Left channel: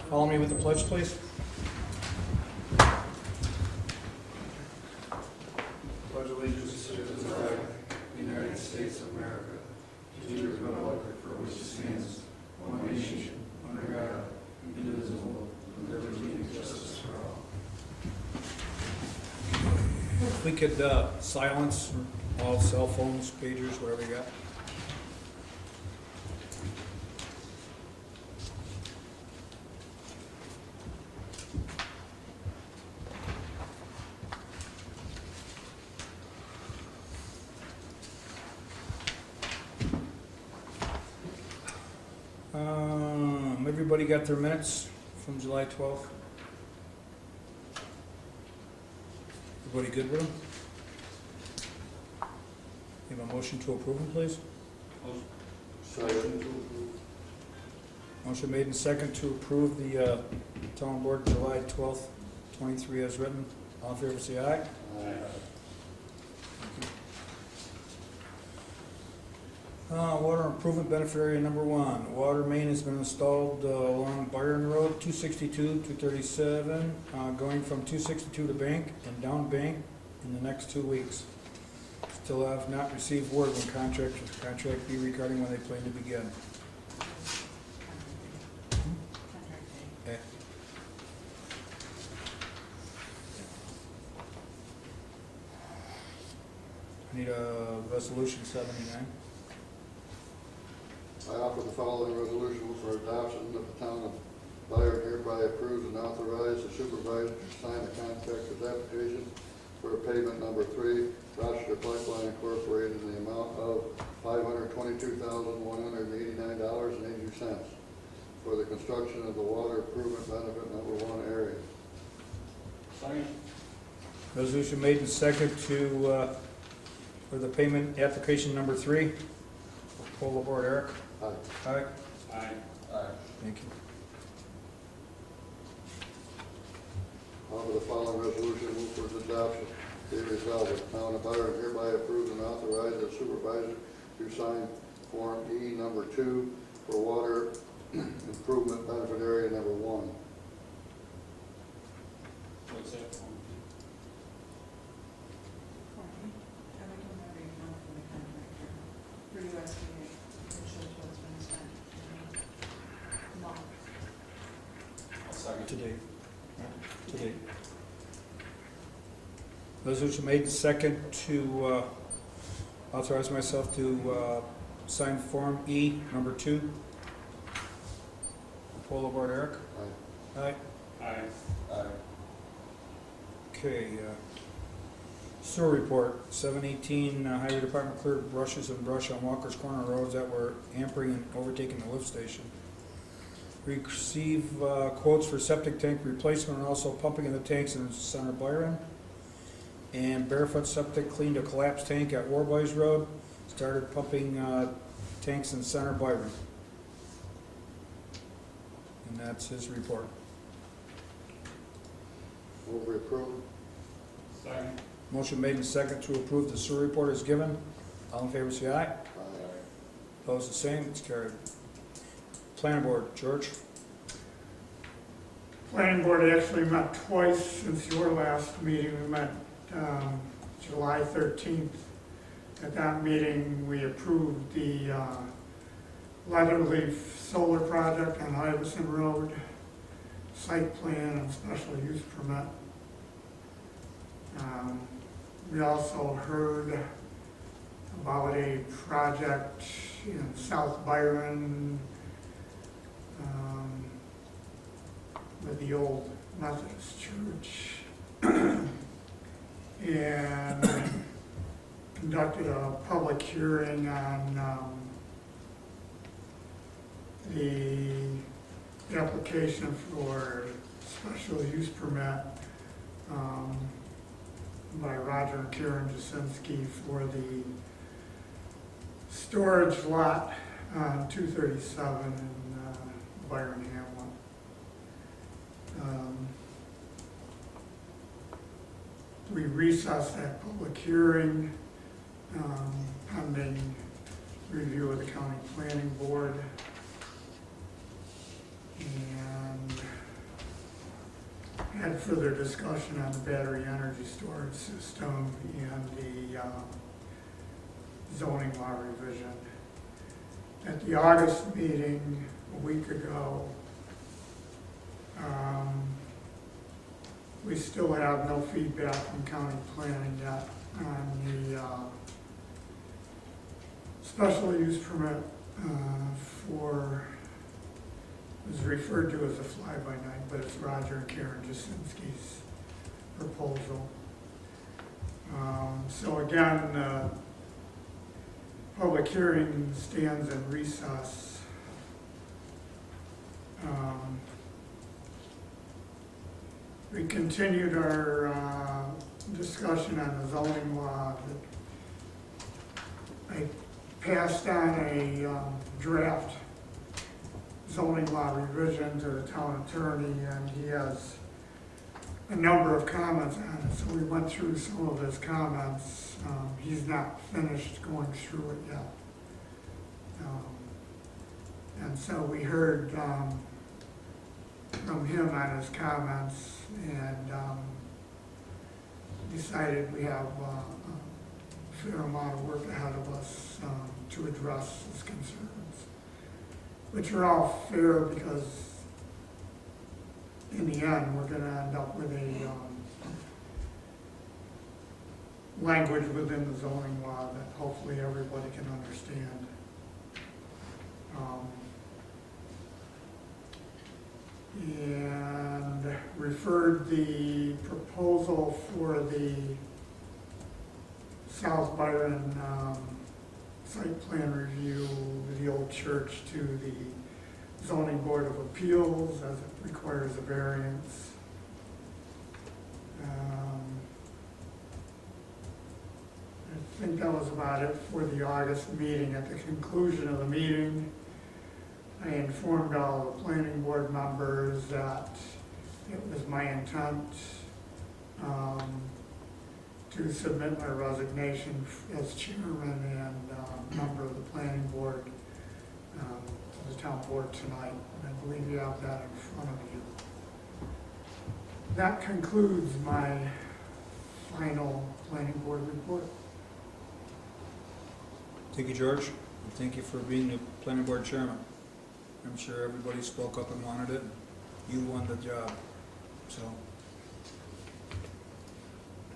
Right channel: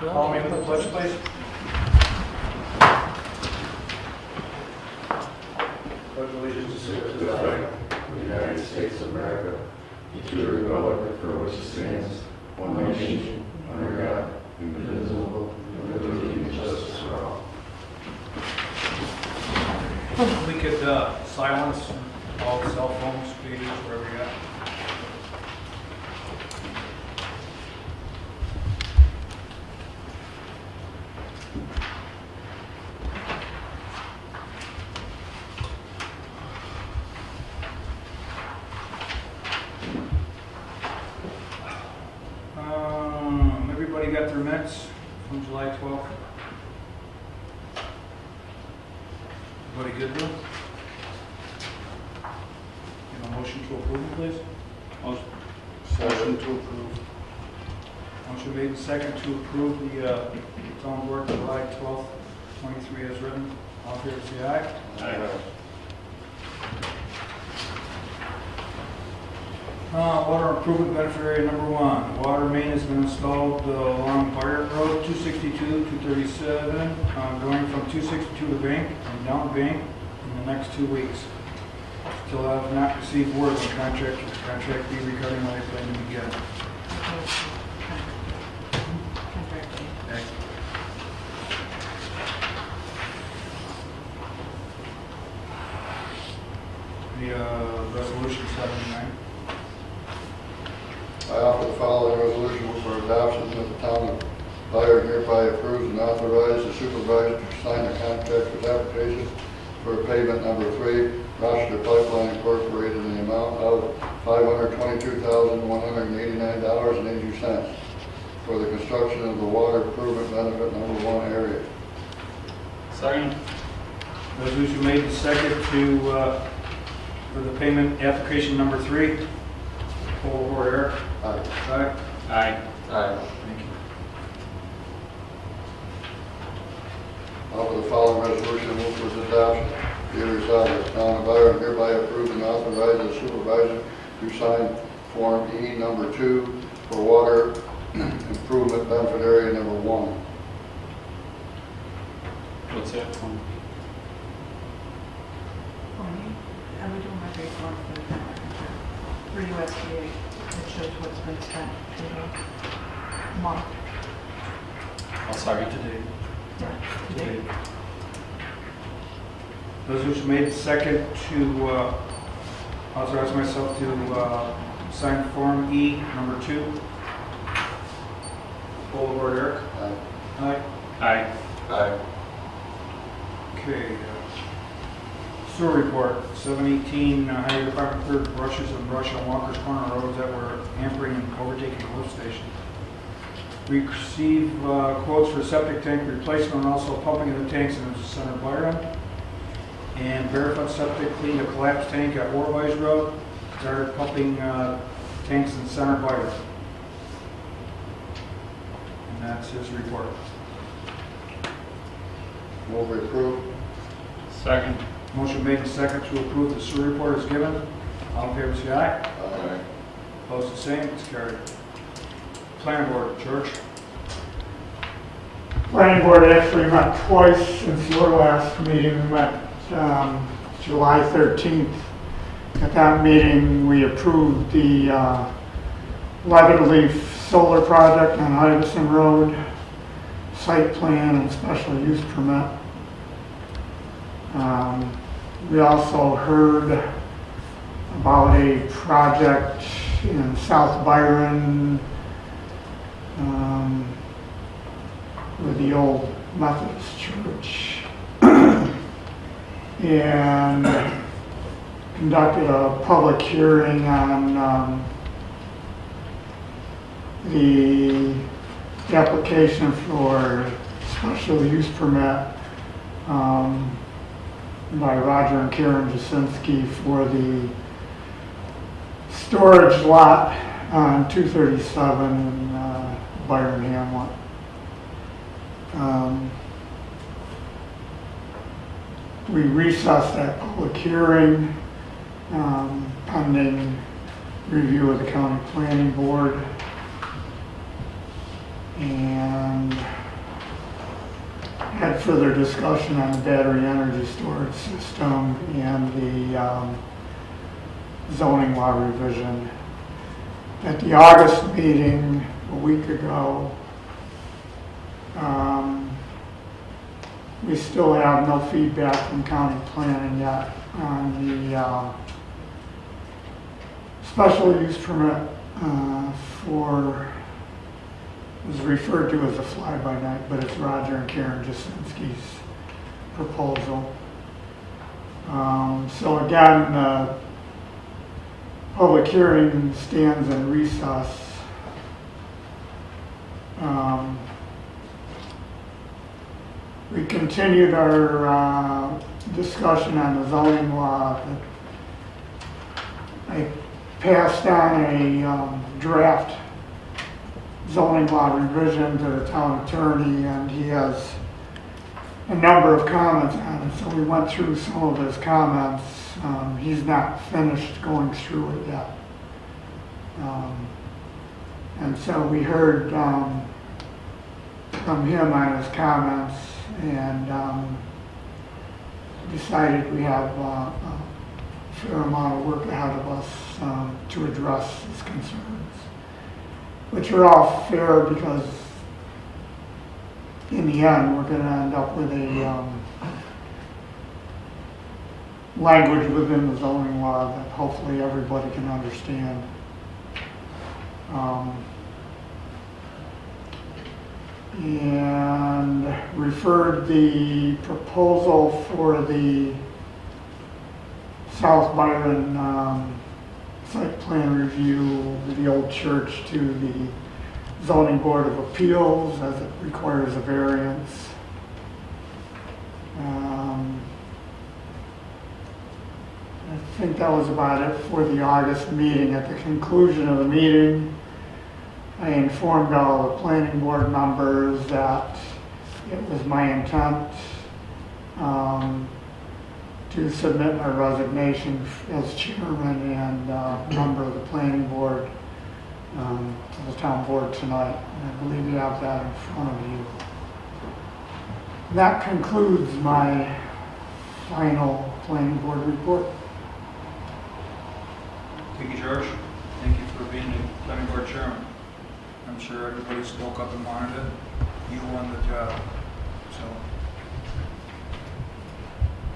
Follow me with the pledge, please. Pledge allegiance to the flag of the United States of America, and to the republic for which it stands, one nation, under God, indivisible, with liberty and justice for all. We could silence all cell phones, pages, wherever we got. Everybody got their minutes from July 12th? Everybody good with them? Need a motion to approve them, please? Motion to approve. Motion made and second to approve the town board July 12th, 23 as written. All in favor say aye. Aye. Water improvement benefit area number 1. Water main has been installed along Byron Road, 262, 237, going from 262 to Bank and down Bank in the next 2 weeks. Still have not received word of the contract. Should the contract be regarding when they plan to begin? Okay. The resolution 79. I offer the following resolution for adoption that the town of Byron hereby approves and authorizes the supervisor to sign the contractor's application for pavement number 3, Rochester Pipeline Incorporated, in the amount of $522,189.82 for the construction of the water improvement benefit number 1 area. Second. Resolution made and second to for the payment application number 3. Poll over Eric. Aye. Aye. Aye. Aye. Thank you. Offer the following resolution move for its adoption. Be it resolved that the town of Byron hereby approves and authorizes the supervisor to sign Form E number 2 for water improvement benefit area number 1. What's that? I would do my report for the for USDA. It shows what's been spent in the month. I'll sorry today. Today. Resolution made and second to authorize myself to sign Form E number 2. Poll over Eric. Aye. Aye. Aye. Aye. Okay. Sewer report, 718 Highway Department cleared brushes and brush on Walker's Corner roads that were hampering and overtaking the lift station. We received quotes for septic tank replacement and also pumping of the tanks in the center of Byron. And Barefoot Septic cleaned a collapsed tank at Warwise Road, started pumping tanks in the center of Byron. And that's his report. Move to approve. Second. Motion made and second to approve the sewer report is given. All in favor say aye. Aye. Opposed the same, it's carried. Planning board, George. Planning board actually met twice since your last meeting. We met July 13th. At that meeting, we approved the Leaf solar project on Iverson Road, site plan and special use permit. We also heard about a project in South Byron with the old Methodist Church and conducted a public hearing on the application for special use permit by Roger and Karen Jasinski for the storage lot on 237 in Byron Hamlet. We recessed that public hearing pending review of the county planning board, and had further discussion on the battery energy storage system and the zoning law revision. At the August meeting a week ago, we still have no feedback from county planning yet on the special use permit for, it was referred to as a fly-by-night, but it's Roger and Karen Jasinski's proposal. So again, public hearing stands in recess. We continued our discussion on the zoning law. I passed on a draft zoning law revision to the town attorney, and he has a number of comments on it. So we went through some of his comments. He's not finished going through it yet. And so we heard from him on his comments, and decided we have a fair amount of work ahead of us to address his concerns, which are all fair because in the end we're going to end up with a language within the zoning law that hopefully everybody can understand. And referred the proposal for the South Byron site plan review, the old church, to the zoning board of appeals as it requires a variance. I think that was about it for the August meeting. At the conclusion of the meeting, I informed all the planning board members that it was my intent to submit my resignation as chairman and member of the planning board to the town board tonight. And I believe you have that in front of you. That concludes my final planning board report. Thank you, George. Thank you for being the planning board chairman. I'm sure everybody spoke up and wanted it. You won the job. So,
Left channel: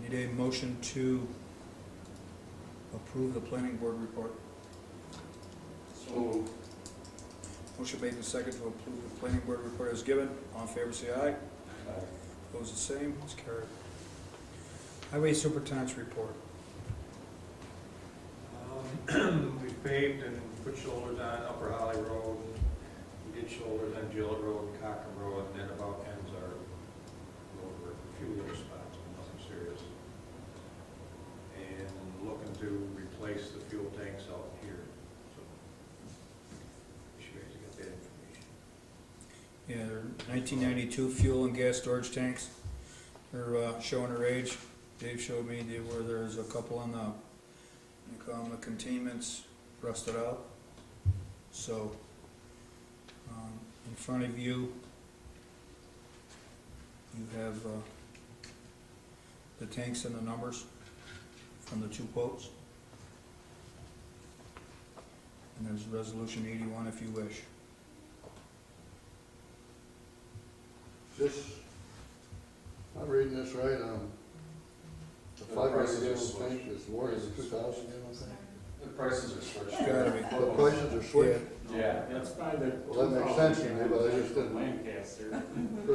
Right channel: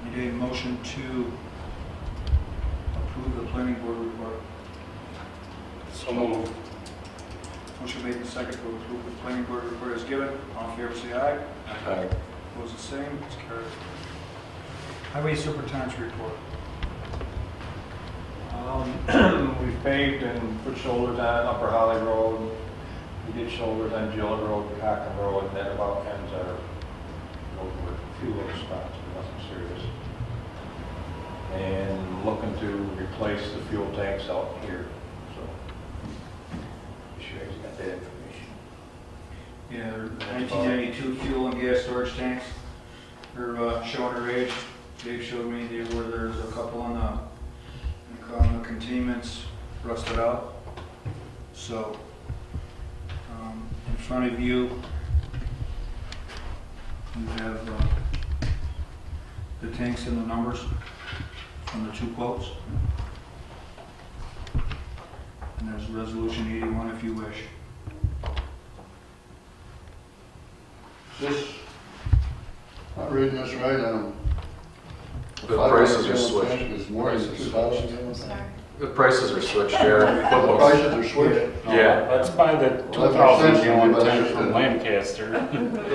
I need a motion to approve the planning board report. So moved. Motion made and second to approve the planning board report is given. All in favor say aye. Aye. Opposed the same. It's carried. Highway superintendent's report. We've paved and put shoulders on Upper Holly Road. We did shoulders on Gillett Road, Cochran Road, and that about ends our road work. A few little spots, but nothing serious. And looking to replace the fuel tanks out here. So, you sure you got that information? Yeah, they're 1992 fuel and gas storage tanks. They're showing their age. Dave showed me where there's a couple on the containments rusted out. So, in front of you, you have the tanks and the numbers from the two quotes. And there's resolution 81 if you wish. This, I'm reading this right, The prices are switched. It's more than 2,000 gallons. The prices are switched, yeah. The prices are switched. Yeah. That's by the Well, that 2,000 makes sense to me, gallon but I tank just from didn't- Lancaster.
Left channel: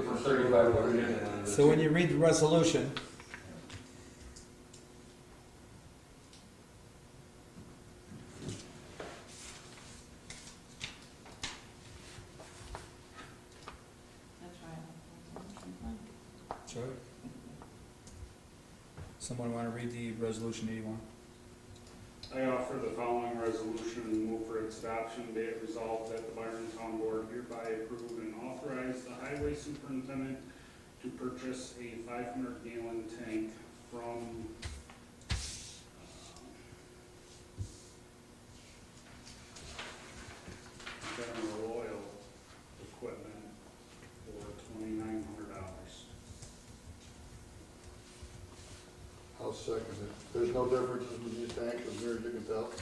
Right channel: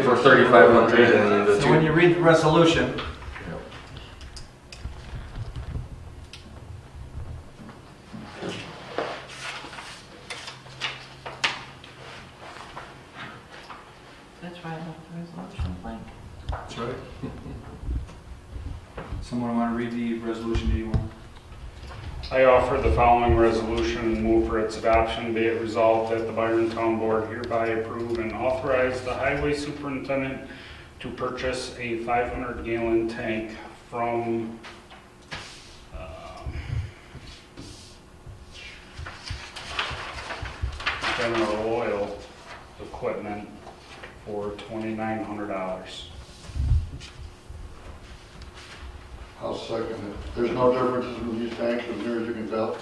For 3,500 and the So when two. you read the resolution, That's why I left the resolution blank. that's right. Someone want to read the resolution 81? I offer the following resolution and move for its adoption. Be it resolved that the Byron Town Board hereby approve and authorize the highway superintendent to purchase a 500-gallon tank from General Oil Equipment for $2,900. I'll second it. There's no differences in these tanks as near as you can tell.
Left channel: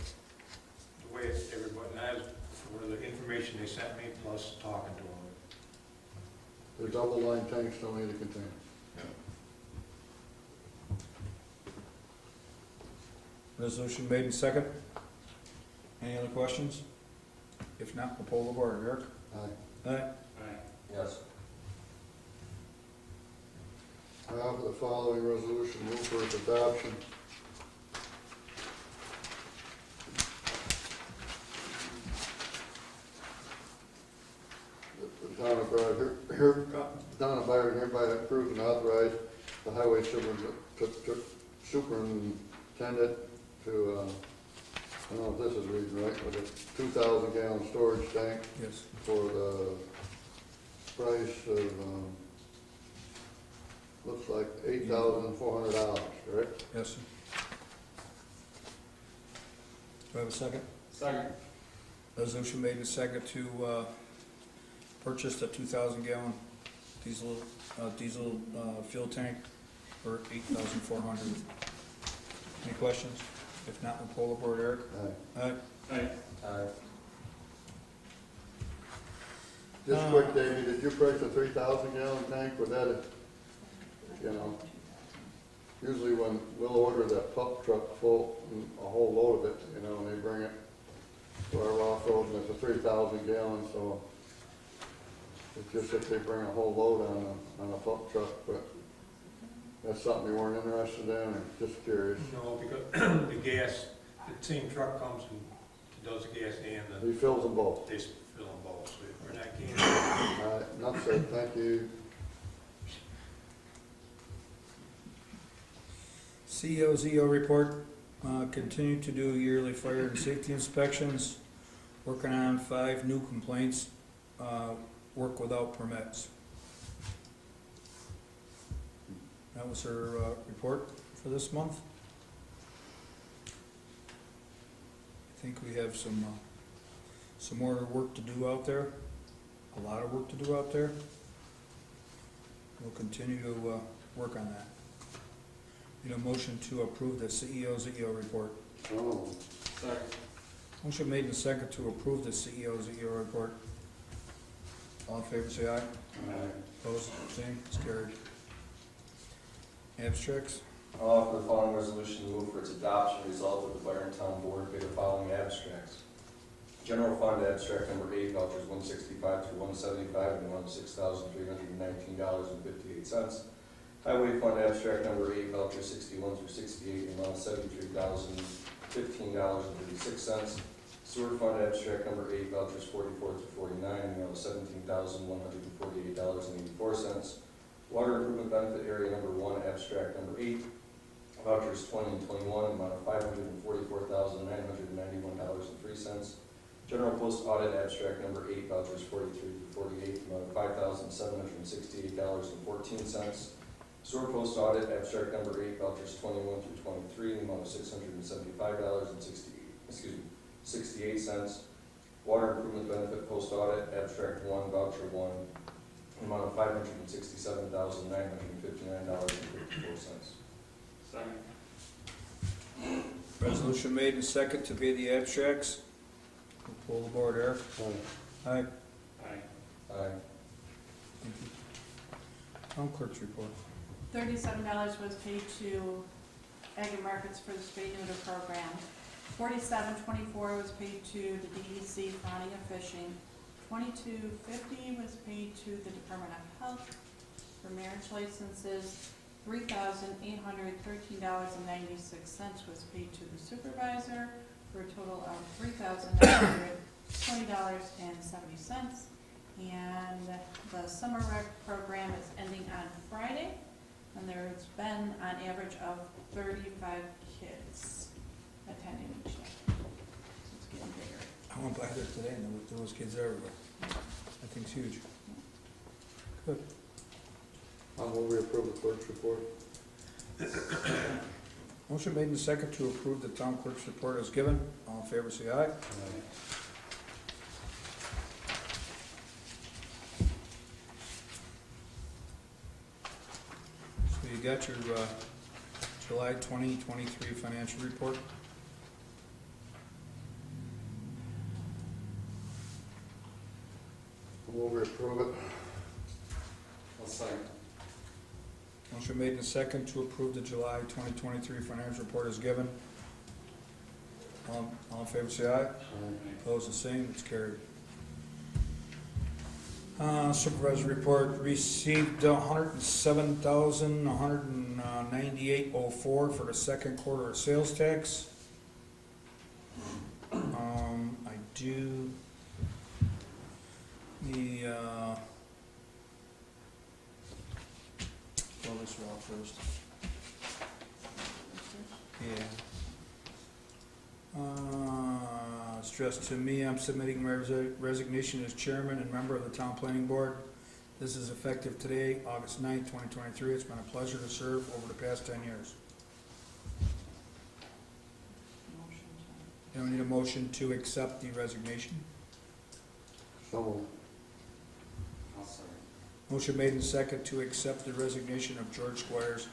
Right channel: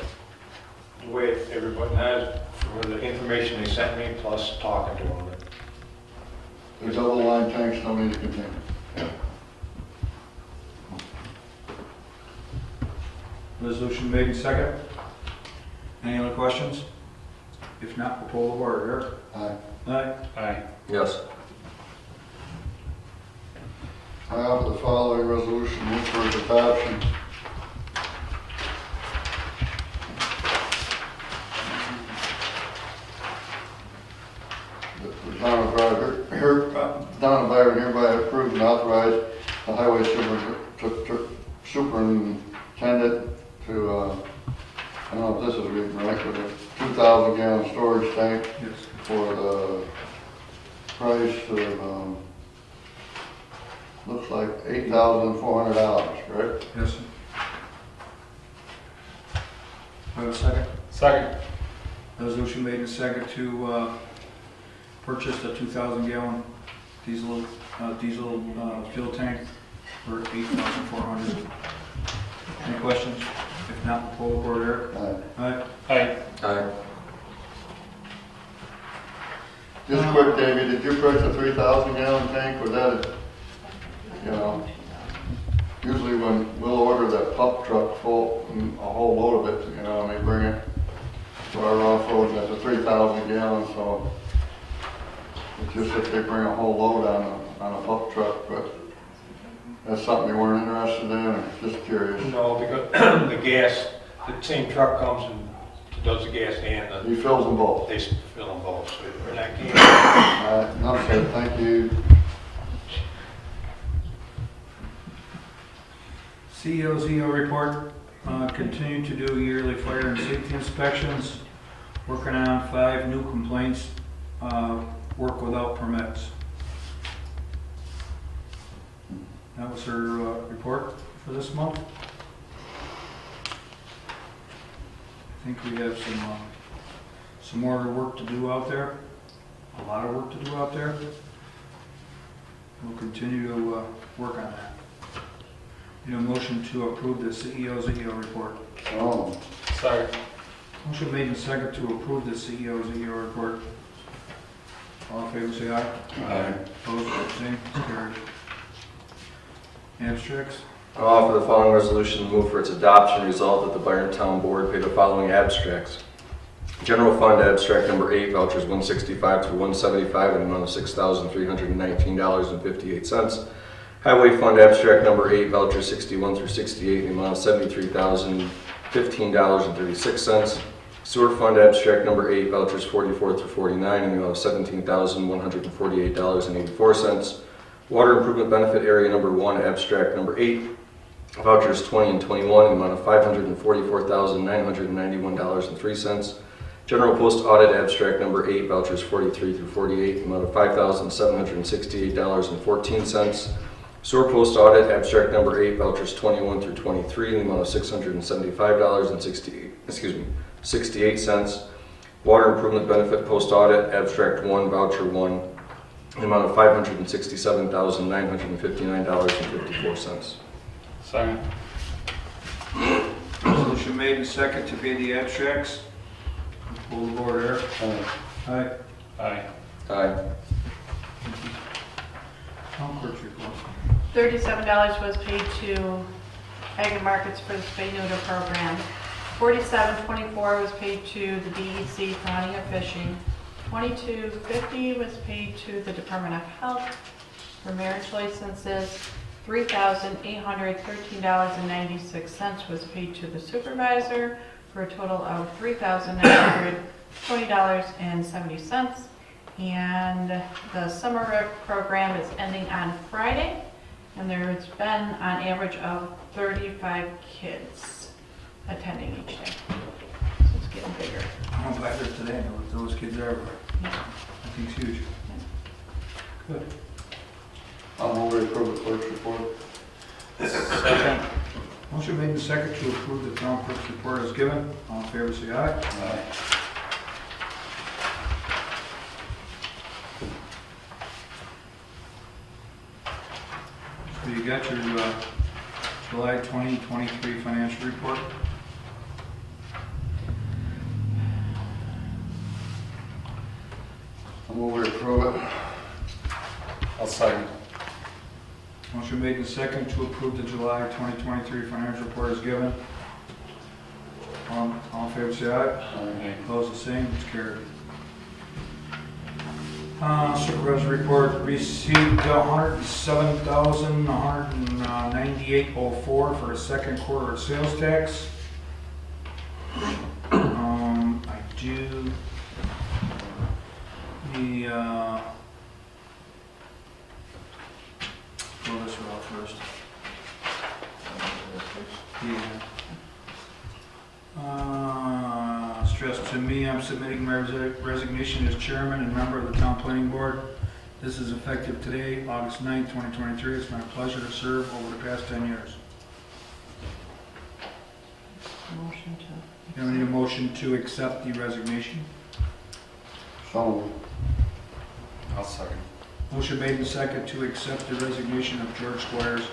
The way everybody has, for the information they sent me, plus talking to them. The double line tanks don't need a container. Resolution made and second. Any other questions? If not, we'll pull the board. Eric? Aye. Aye. Aye. Yes. I offer the following resolution, move for its adoption. The town of Byron hereby approve and authorize the highway superintendent to, I don't know if this is reading right, but a 2,000 gallon storage tank Yes. for the price of, looks like $8,400, correct? Yes. Do I have a second? Second. Resolution made and second to purchase the 2,000 gallon diesel fuel tank for $8,400. Any questions? If not, we'll pull the board. Eric? Aye. Aye. Aye. Aye. Just quick, Davey, did you purchase a 3,000 gallon tank? Was that, usually when we'll order that pump truck full, a whole load of it, and they bring it for our off-road, and that's a 3,000 gallon, so it's just if they bring a whole load on a pump truck, but that's something you weren't interested in, or just curious? No, because the gas, the same truck comes and does the gas and He fills them both. they fill them both, so we're not getting. All right, enough said, thank you. ZEO Report, continue to do yearly fire and safety inspections, working on 5 new complaints, work without permits. That was her report for this month. I think we have some more work to do out there, a lot of work to do out there. We'll continue to work on that. Motion to approve the ZEO report. Oh, Sorry. Motion made and second to approve the ZEO report. All in favor, say aye. Aye. Opposed, abstained, it's carried. Abstracts. I'll offer the following resolution, move for its adoption, resolved that the Byron Town Board pay the following abstracts. General Fund Abstract Number 8, vouchers 165 through 175 in the amount of $6,319.58. Highway Fund Abstract Number 8, vouchers 61 through 68 in the amount of $73,015.36. Sewer Fund Abstract Number 8, vouchers 44 through 49 in the amount of $17,148.84. Water Improvement Benefit Area Number 1, Abstract Number 8, vouchers 20 and 21 in the amount of $544,991.03. General Post Audit Abstract Number 8, vouchers 43 through 48 in the amount of $5,768.14. Sewer Post Audit Abstract Number 8, vouchers 21 through 23 in the amount of $675.68. Water Improvement Benefit Post Audit Abstract 1, voucher 1 in the amount of $567,959.54. Second. Resolution made and second to pay the abstracts. Pull the board, Eric. Aye. Aye. Aye. Town clerk's report. $37 was paid to Ag Markets for the spay neuter program. $47.24 was paid to the DEC for hunting and fishing. $22.50 was paid to the Department of Health for marriage licenses. $3,813.96 was paid to the supervisor for a total of $3,920.70. And the summer rec program is ending on Friday, and there's been an average of 35 kids attending each day. So it's getting bigger. I went by there today, and those kids are everywhere. I think it's huge. Good. I'll move to approve the clerk's report. Second. Motion made and second to approve the town clerk's report as given. All in favor, say aye. Aye. So you got your July 2023 financial report. I move we approve it. I'll second. Motion made and second to approve the July 2023 financial report is given. All in favor, say aye. Opposed, the same, it's carried. Supervisor report, received $107,198.04 for a second quarter of sales tax. I do the, pull this one out first. Stress to me, I'm submitting my resignation as chairman and member of the town planning board. This is effective today, August 9th, 2023. It's my pleasure to serve over the past 10 years. Motion to. I need a motion to accept the resignation. So moved. I'll second. Motion made and second to accept the resignation of George Squires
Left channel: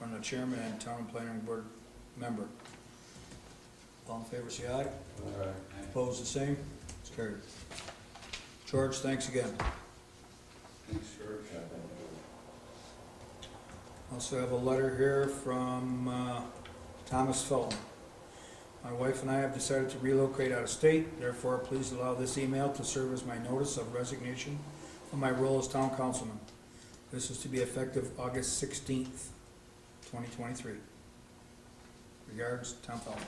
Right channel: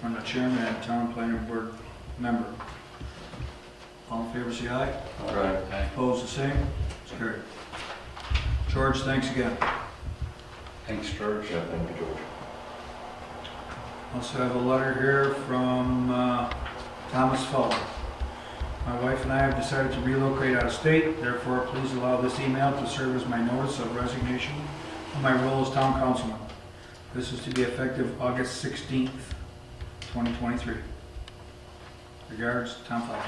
from the chairman and town planning board member. All in favor, say aye. Aye. Opposed, the same. It's carried. George, thanks again. Thanks, George. Yeah, thank you, George. Also have a letter here from Thomas Felton. My wife and I have decided to relocate out of state. Therefore, please allow this email to serve as my notice of resignation from my role as town councilman. This is to be effective August 16th, 2023. Regards, Tom Felton.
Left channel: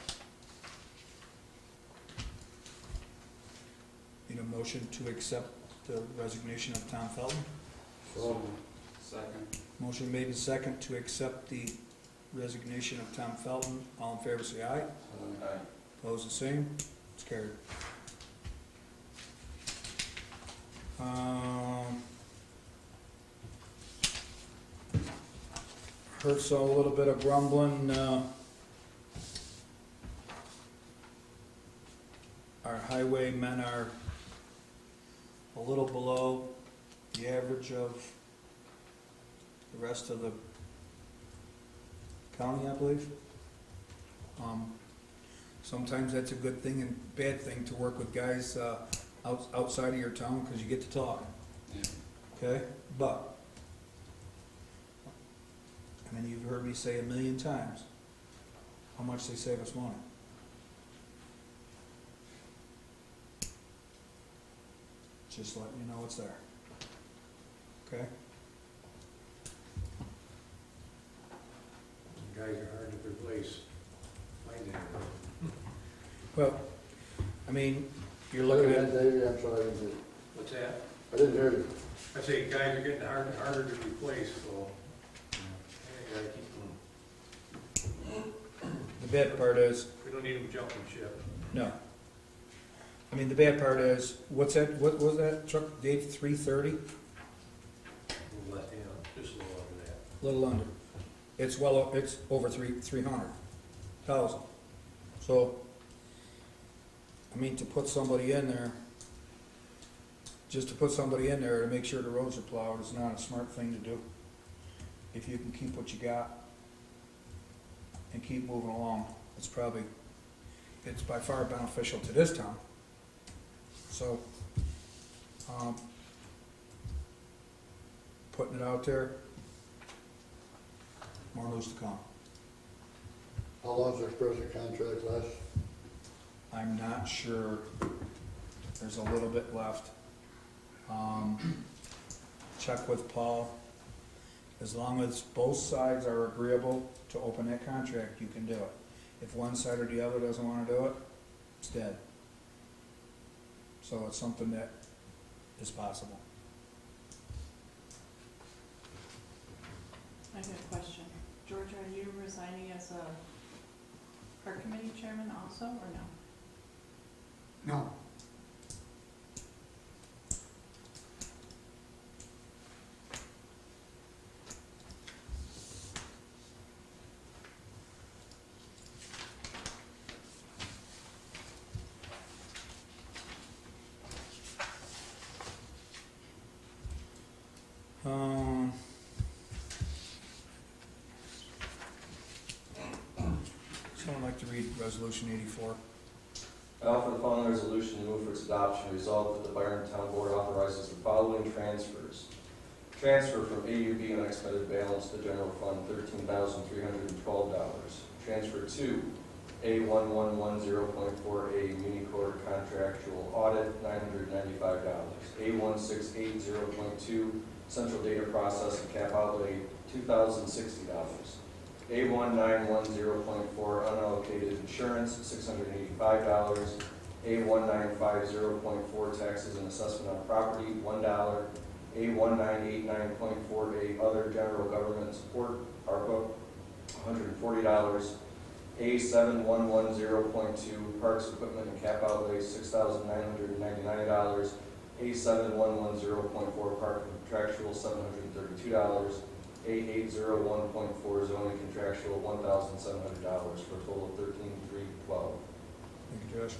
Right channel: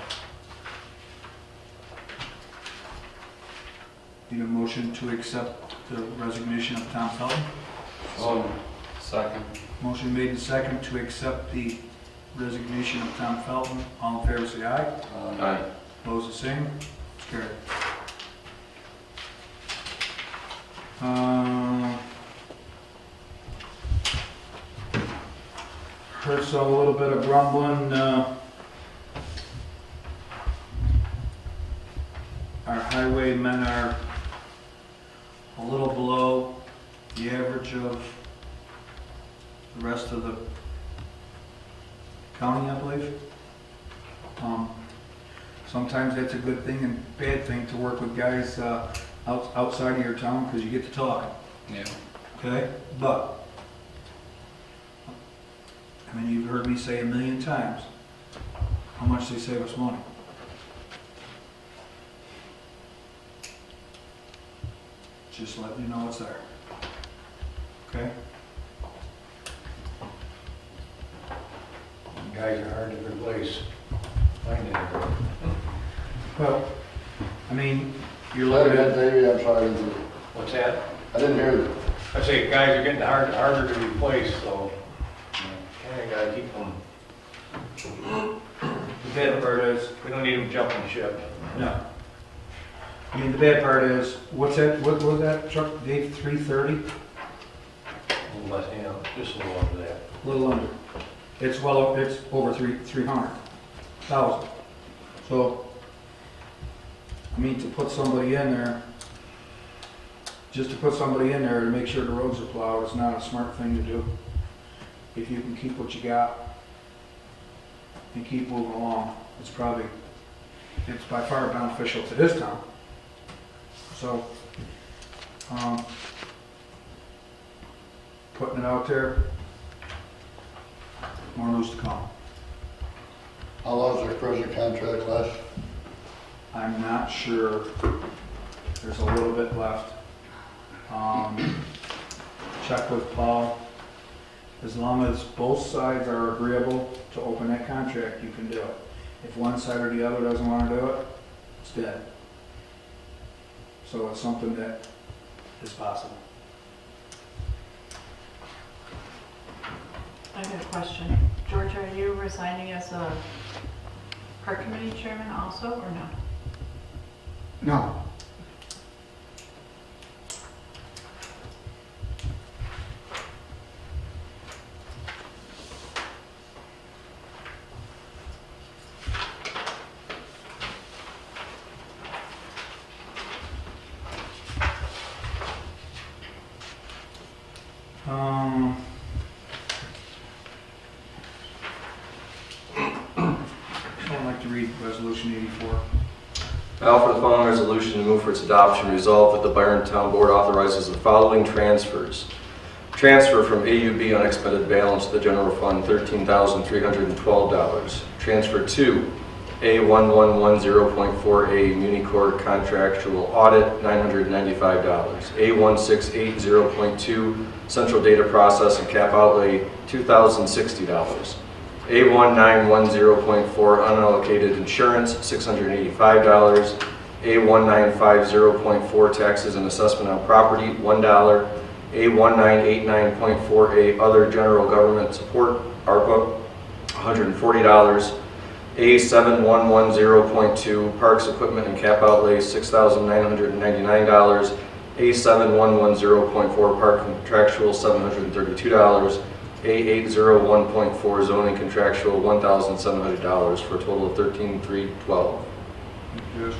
Need a motion to accept the resignation of Tom Felton? So Second. Motion made and second to accept the resignation of Tom Felton. All in favor, say aye. Aye. Opposed, the same. It's carried. Heard a little bit of grumbling. Our highwaymen are a little below the average of the rest of the county, I believe. Sometimes that's a good thing and bad thing to work with guys outside of your town because you get to talk. Yeah. Okay? But, I mean, you've heard me say a million times how much they save us money. Just letting you know it's there. Okay? Guys are hard to replace. Find it. Well, I mean, you're Say looking again, at, Davey, I'm sorry. What's that? I didn't hear you. I say guys are getting harder to replace, so kinda gotta keep them, the bad part is, we don't need them jumping ship. no. I mean, the bad part is, what was that truck, Dave, 330? A little less, you know, just a little over that. A little under. It's it's over 300,000. So, I mean, to put somebody in there, just to put somebody in there to make sure the roads are plowed is not a smart thing to do. If you can keep what you got and keep moving along, it's by far beneficial to this town. So, putting it out there, more news to come. How long is their present contract last? I'm not sure. There's a little bit left. Check with Paul. As long as both sides are agreeable to open that contract, you can do it. If one side or the other doesn't want to do it, it's dead. So it's something that is possible. I have a question. George, are you resigning as a park committee chairman also, or no? No. I offer the following resolution and move for its adoption. Resolved that the Byron Town Board authorizes the following transfers. Transfer from AUB unexpended balance to the general fund, $13,312. Transfer to A1110.4A Municorp contractual audit, $995. A1680.2 central data process and cap outlay, $2,060. A1910.4 unallocated insurance, $685. A1950.4 taxes and assessment on property, $1. A1989.4A other general government support, ARPA, $140. A7110.2 parks equipment and cap outlay, $6,999. A7110.4 park contractual, $732. A801.4 zoning contractual, $1,700 for a total of $13,312. Yes.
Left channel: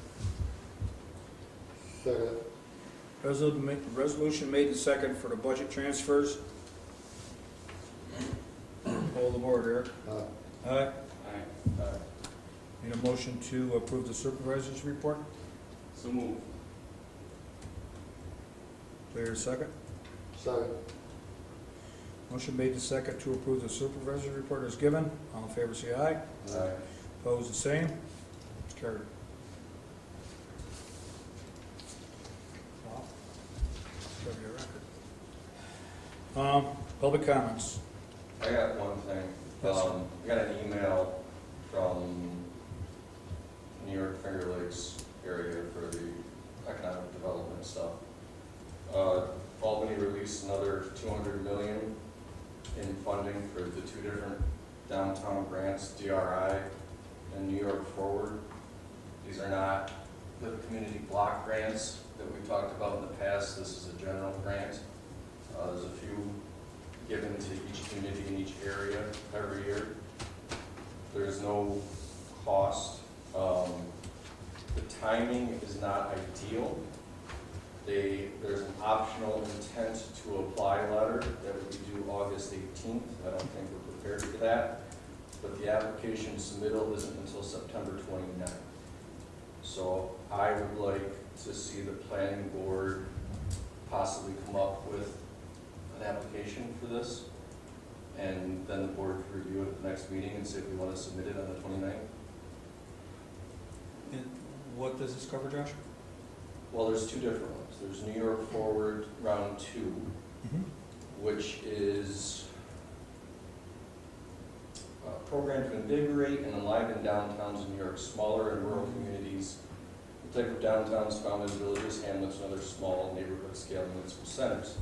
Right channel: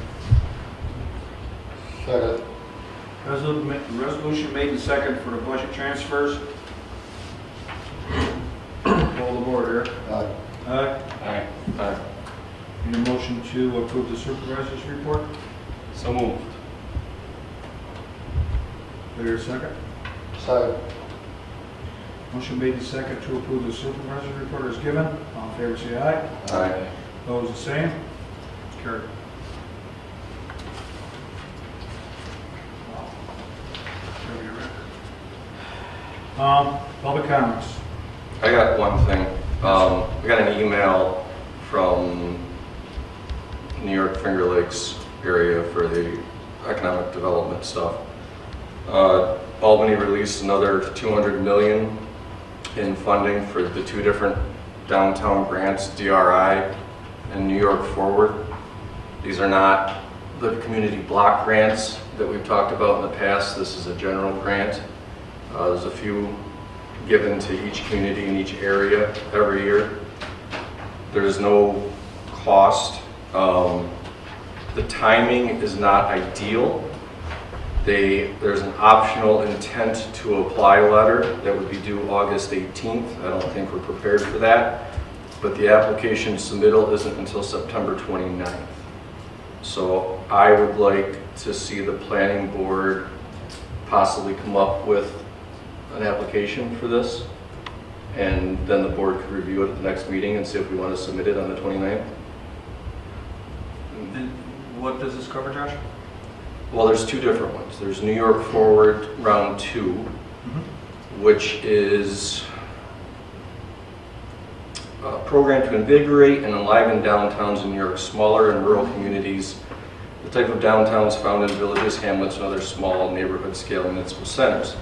Second. Resolution made and second for the budget transfers. Roll the board here. Aye. Aye. Aye. Aye. Need a motion to approve the supervisor's report? So moved. Do I hear a second? Second. Motion made and second to approve the supervisor's report is given. All in favor say aye. Aye. Opposed, the same. Carried. Public comments. I got one thing. We got an email from New York Finger Lakes area for the economic development stuff. Albany released another $200 million in funding for the two different downtown grants, DRI and New York Forward. These are not the community block grants that we've talked about in the past. This is a general grant. There's a few given to each community in each area every year. There's no cost. The timing is not ideal. There's an optional intent to apply letter that would be due August 18th. I don't think we're prepared for that, but the application submittal isn't until September 29th. So I would like to see the planning board possibly come up with an application for this, and then the board could review it at the next meeting and see if we want to submit it on the 29th. And what does this cover, Josh? Well, there's two different ones. There's New York Forward Round 2, which is a program to invigorate and enliven downtowns in New York's smaller and rural communities, the type of downtowns found in villages, hamlets, and other small neighborhood-scale municipal centers.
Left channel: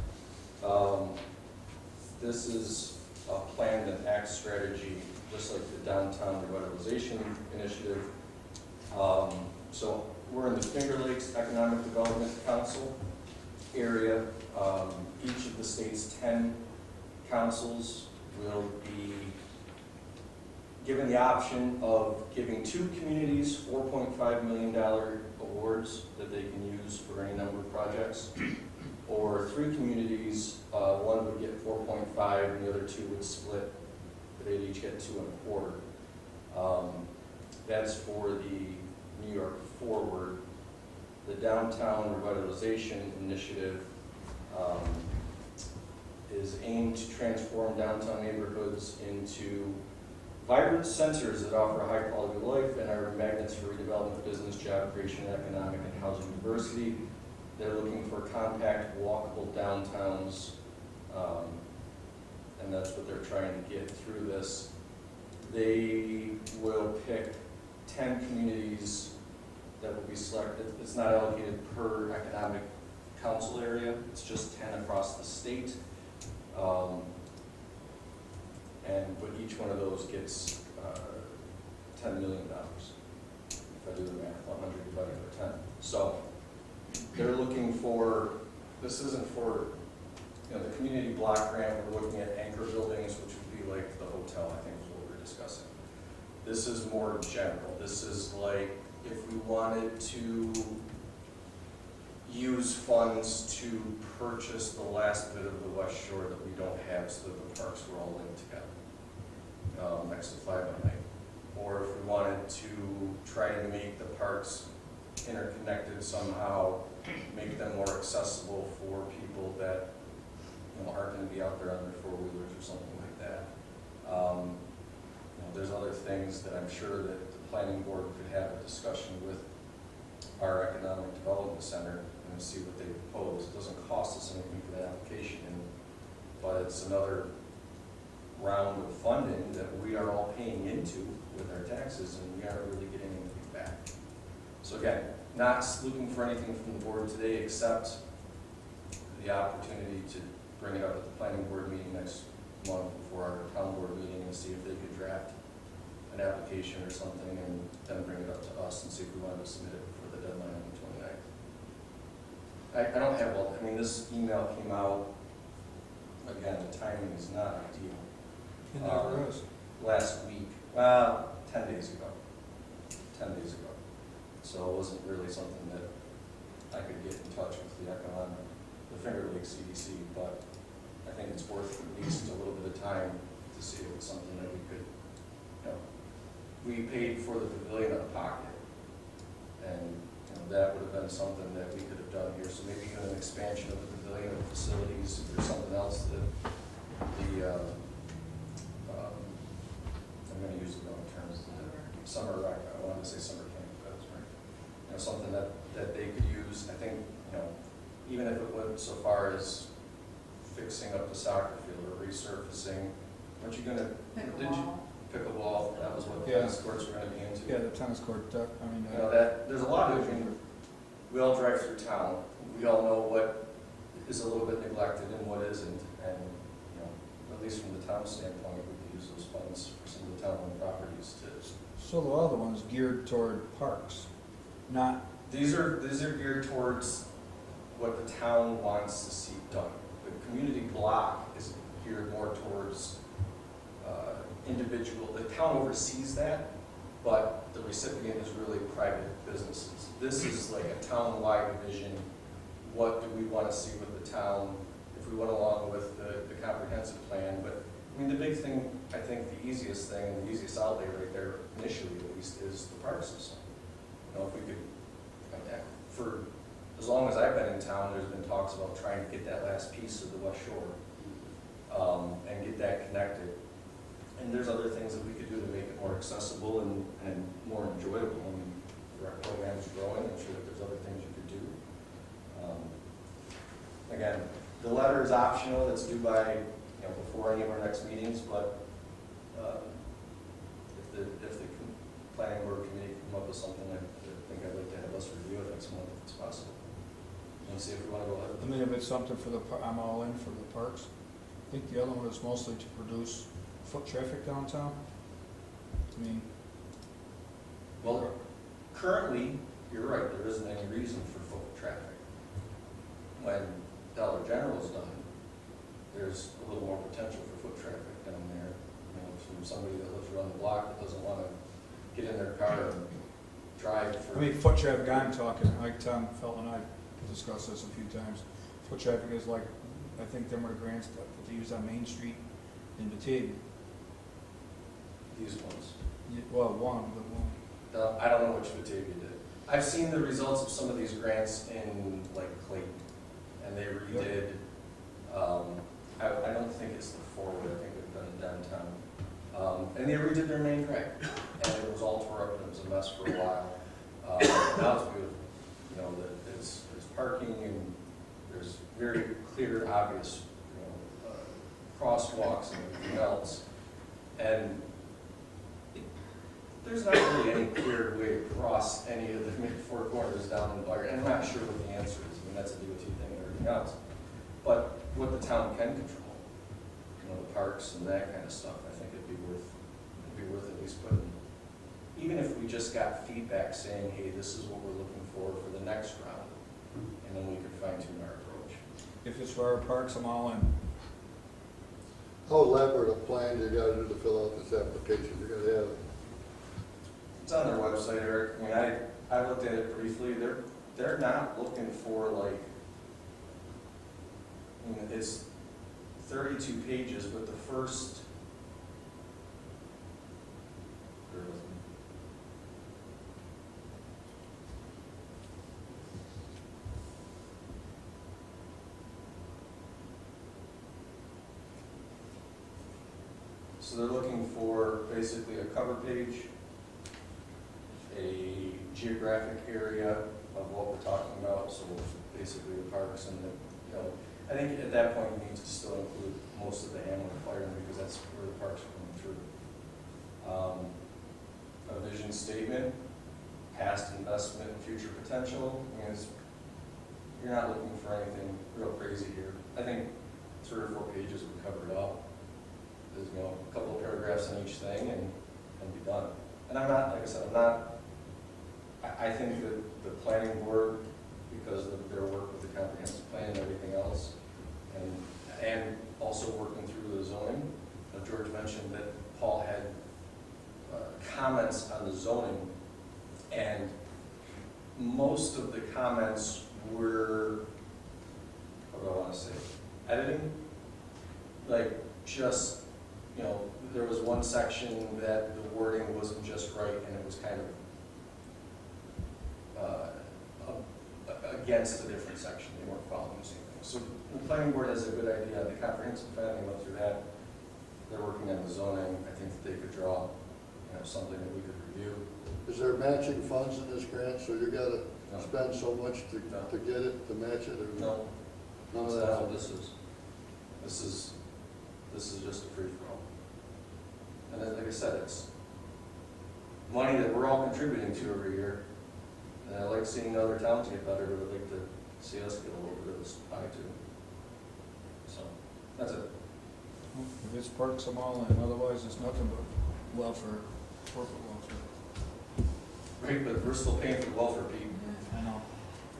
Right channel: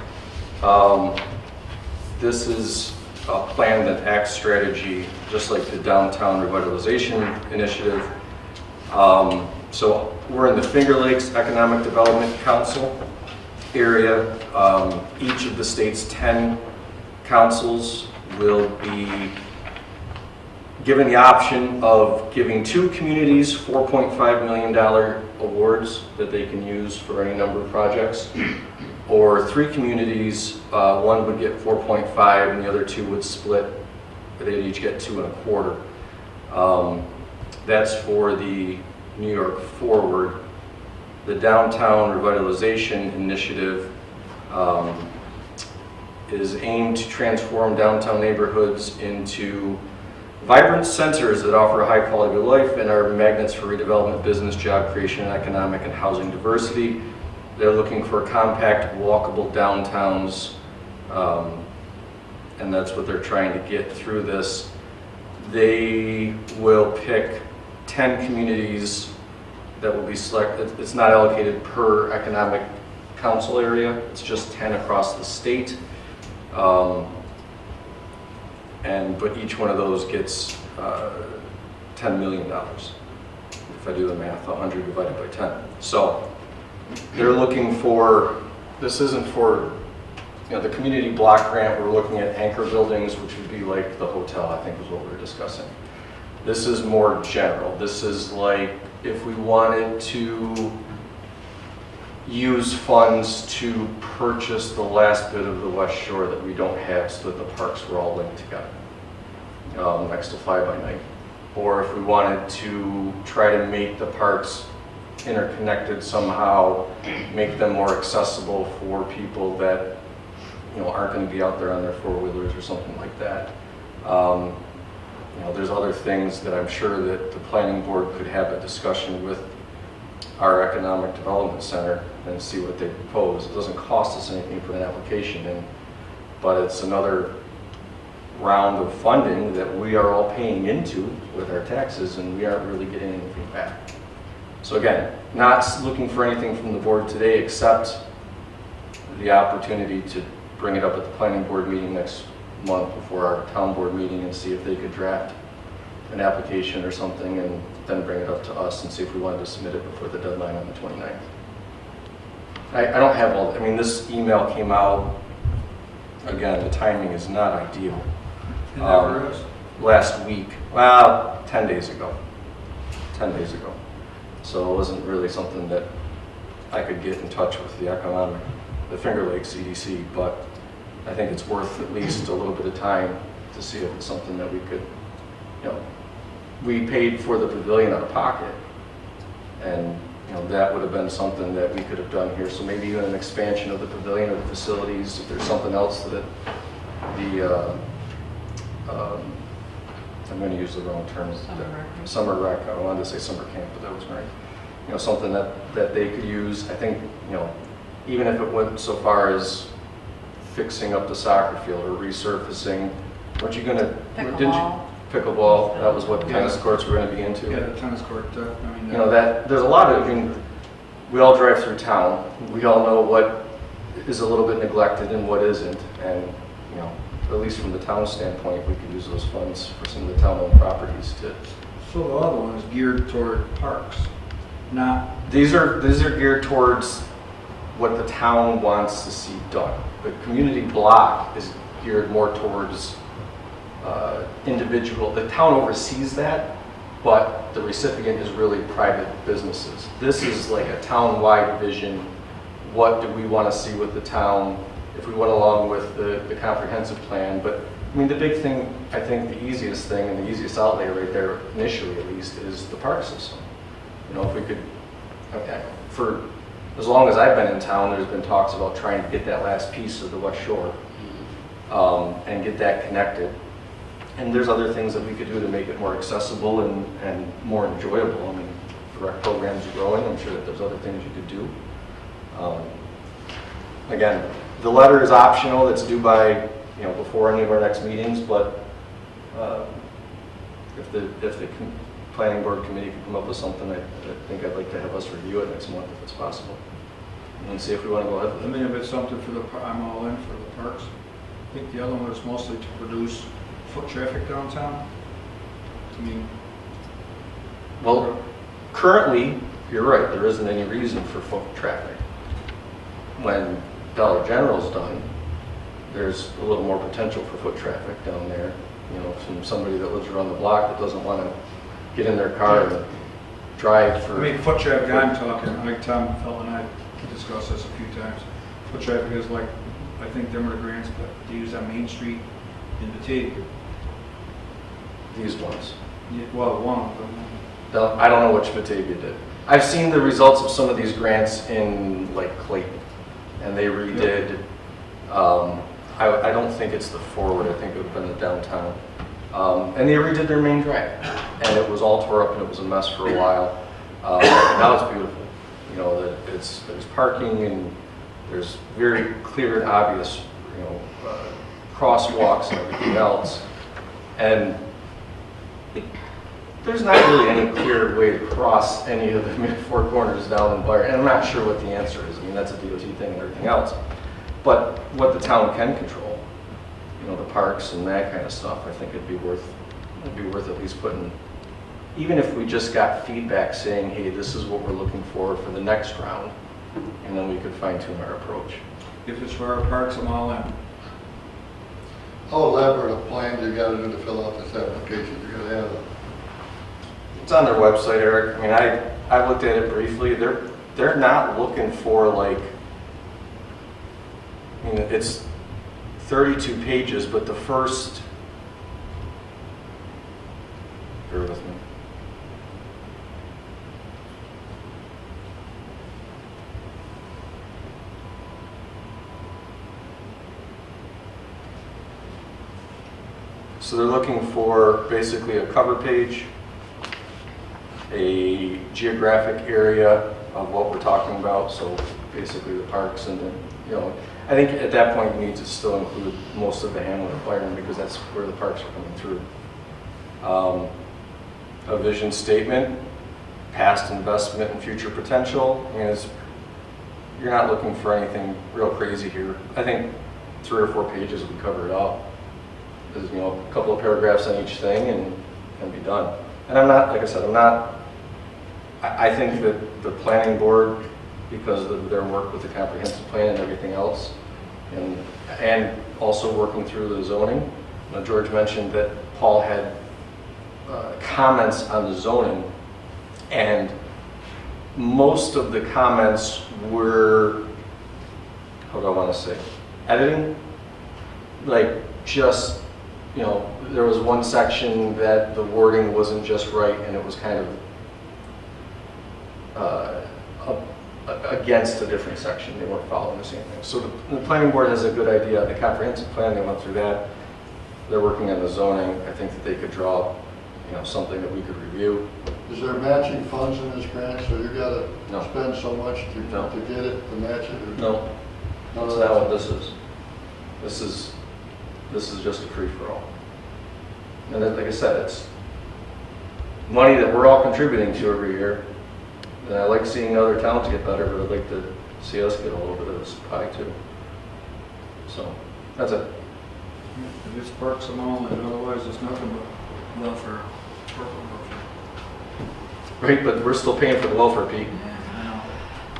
This is a planned and act strategy, just like the Downtown Revitalization Initiative. So we're in the Finger Lakes Economic Development Council area. Each of the state's 10 councils will be given the option of giving two communities $4.5 million awards that they can use for any number of projects, or three communities, one would get 4.5 and the other two would split. They'd each get 2.25. That's for the New York Forward. The Downtown Revitalization Initiative is aimed to transform downtown neighborhoods into vibrant centers that offer a high quality of life and are magnets for redevelopment, business, job creation, economic and housing diversity. They're looking for compact, walkable downtowns, and that's what they're trying to get through this. They will pick 10 communities that will be selected. It's not allocated per economic council area, it's just 10 across the state. But each one of those gets $10 million. If I do the math, 100 divided by 10. So they're looking for, this isn't for, the community block grant, we're looking at anchor buildings, which would be like the hotel, I think was what we were discussing. This is more general. This is like if we wanted to use funds to purchase the last bit of the West Shore that we don't have so that the parks were all linked together, next to Fly By Night. Or if we wanted to try to make the parks interconnected somehow, make them more accessible for people that, aren't gonna be out there on their four-wheelers or something like that. There's other things that I'm sure that the planning board could have a discussion with our economic development center and see what they propose. It doesn't cost us anything for an application, but it's another round of funding that we are all paying into with our taxes, and we aren't really getting anything back. So again, not looking for anything from the board today except the opportunity to bring it up at the planning board meeting next month before our town board meeting and see if they could draft an application or something and then bring it up to us and see if we wanted to submit it before the deadline on the 29th. I don't have all, this email came out, again, the timing is not ideal. It never is. Last week, well, 10 days ago. 10 days ago. So it wasn't really something that I could get in touch with the Finger Lakes EDC, but I think it's worth at least a little bit of time to see if it's something that we could, we paid for the pavilion out of pocket, and that would have been something that we could have done here. So maybe even an expansion of the pavilion or the facilities, if there's something else that I'm going to use the wrong term. Summer rec. I wanted to say summer camp, but that was right. Something that they could use. I think, even if it went so far as fixing up the soccer field or resurfacing, weren't you going to? Pickleball. Pickleball. That was what Yeah. tennis courts were going to be into. Yeah, the tennis court, That there's a lot of. We all drive through town. We all know what is a little bit neglected and what isn't, and at least from the town standpoint, we could use those funds for some of the town-owned properties to. So the other one is geared toward parks, not, These are geared towards what the town wants to see done. The community block is geared more towards individual. The town oversees that, but the recipient is really private businesses. This is like a town-wide vision. What do we want to see with the town if we went along with the comprehensive plan? But the big thing, I think the easiest thing and the easiest outlay right there, initially at least, is the park system. If we could, for as long as I've been in town, there's been talks about trying to get that last piece of the West Shore and get that connected. And there's other things that we could do to make it more accessible and more enjoyable. The rec programs are growing. I'm sure that there's other things you could do. Again, the letter is optional. It's due by, before any of our next meetings, but if the planning board committee can come up with something, I think I'd like to have us review it next month if it's possible, and see if we want to go ahead with it. if it's something for I'm all in for the parks. I think the other one was mostly to produce foot traffic downtown. Well, currently, you're right, there isn't any reason for foot traffic. When Dollar General's done, there's a little more potential for foot traffic down there. From somebody that lives around the block that doesn't want to get in their car and drive for. Foot traffic, I'm talking, like Tom Felt and I discussed this a few times. Foot traffic is like, I think them are the grants to use on Main Street in Batavia. These ones. Well, one of them. I don't know which Batavia did. I've seen the results of some of these grants in like Clayton, and they redid. I don't think it's the forward. I think it would have been the downtown. And they redid their main drag, and it was all tore up and it was a mess for a while. Now it's beautiful. There's parking and there's very clear and obvious, crosswalks and everything else. And there's not really any clear way to cross any of the four corners down in Byron. And I'm not sure what the answer is. That's a DOT thing and everything else. But what the town can control, the parks and that kind of stuff, I think it'd be worth at least putting, even if we just got feedback saying, hey, this is what we're looking for the next round, and then we could fine tune our approach. If it's for our parks, I'm all in. How elaborate a plan do you got to do to fill out this application? You got to have It's on their website, Eric. I looked at it briefly. They're not looking for like, it's 32 pages, but the first, bear with me. So they're looking for basically a cover page, a geographic area of what we're talking about, so basically the parks and then, you know, I think at that point you need to still include most of the Hamlet of Byron because that's where the parks are coming through. A vision statement, past investment and future potential, and you're not looking for anything real crazy here. I think 3 or 4 pages would cover it up. There's, you know, a couple of paragraphs on each thing and be done. And I'm not, like I said, I think that the planning board, because of their work with the comprehensive plan and everything else, and also working through the zoning. George mentioned that Paul had comments on the zoning, and most of the comments were, how do I want to say, editing? Like just, you know, there was one section that the wording wasn't just right and it was kind of against a different section. They weren't following the same thing. So the planning board has a good idea. The comprehensive plan, they went through that. They're working on the zoning. I think that they could draw, you know, something that we could review. Is there matching funds in this grant, so you gotta No. spend so much No. to get it, to match it? Or No, None that's of not that? what this is. This is just a free-for-all. And then, like I said, it's money that we're all contributing to every year. And I like seeing other towns get better, but I'd like to see us get a little bit of this pie too. So, that's it. If it sparks them all, and otherwise it's nothing but welfare. Right, but we're still paying for the welfare, Pete. I know.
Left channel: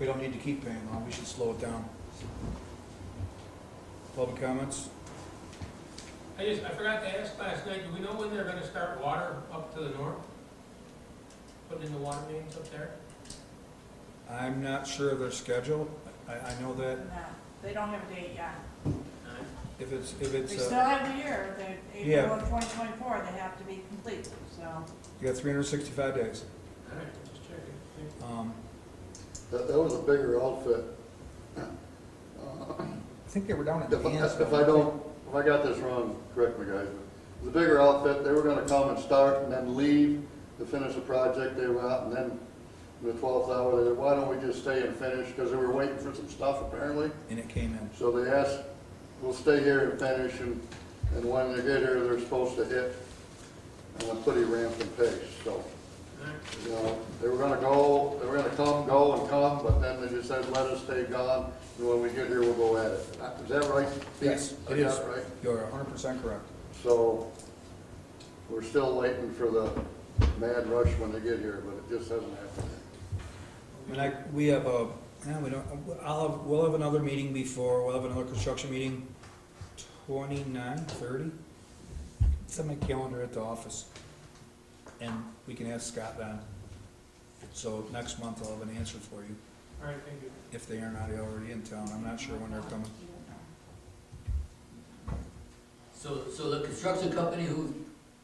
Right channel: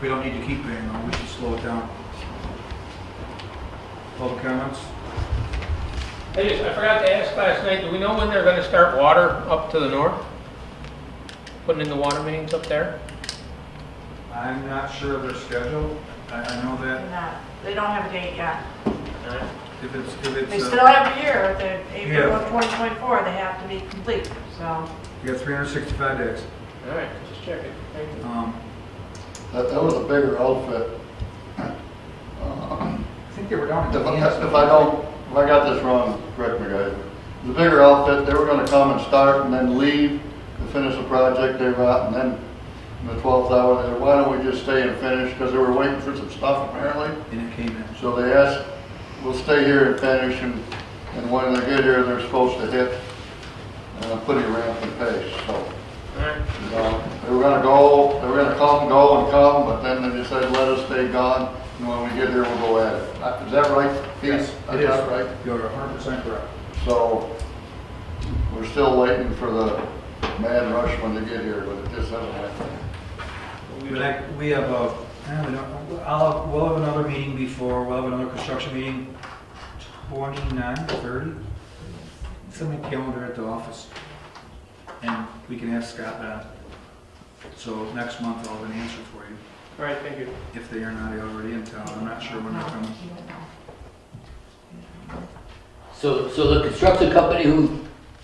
We don't need to keep paying them, we should slow it down. All the comments? I forgot to ask last night, do we know when they're gonna start water up to the north? Putting in the water mains up there? I'm not sure of their schedule. I know that They don't have a date yet. if it's, They still have a year, the April Yeah. of 2024, they have to be complete, so. you got 365 days. All right, just checking. Thank you. That was a bigger outfit. I think they were down at If Kansas. if I got this wrong, correct me, guys. The bigger outfit, they were gonna come and start and then leave to finish the project they were at, and then in the 12th hour, they said, why don't we just stay and finish? Because they were waiting for some stuff apparently. And it came in. So they asked, we'll stay here and finish, and when they get here, they're supposed to hit a pretty rampant pace, so. All right. They were gonna come, go and come, but then they decided, let us stay gone, and when we get here, we'll go at it. Is that right, Pete? Yes, I it got is. it right? You're 100% correct. So, we're still waiting for the mad rush when they get here, but it just hasn't happened. We have we'll have another meeting before, we'll have another construction meeting, 29, 30. It's on the calendar at the office. And we can ask Scott that. So next month I'll have an answer for you, All right, thank you. if they are not already in town. I'm not sure when they're coming. So the construction company who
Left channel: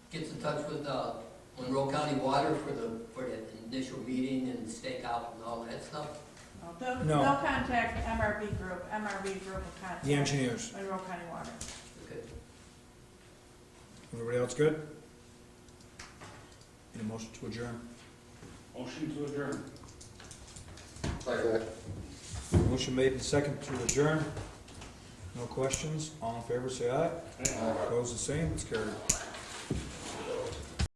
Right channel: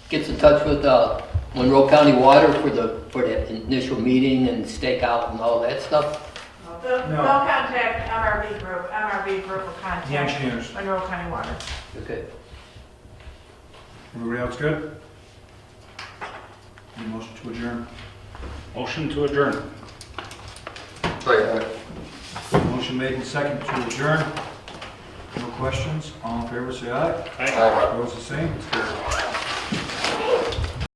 gets in touch with Monroe County Water for the initial meeting and stakeout and all that stuff? They'll No. contact MRV Group. MRV Group will The contact engineers. Monroe County Water. Okay. Everybody else good? Any motion to adjourn? Motion to adjourn. Motion made and second to adjourn. No questions? All in favor, say aye. Aye. Opposed, the same. It's carried.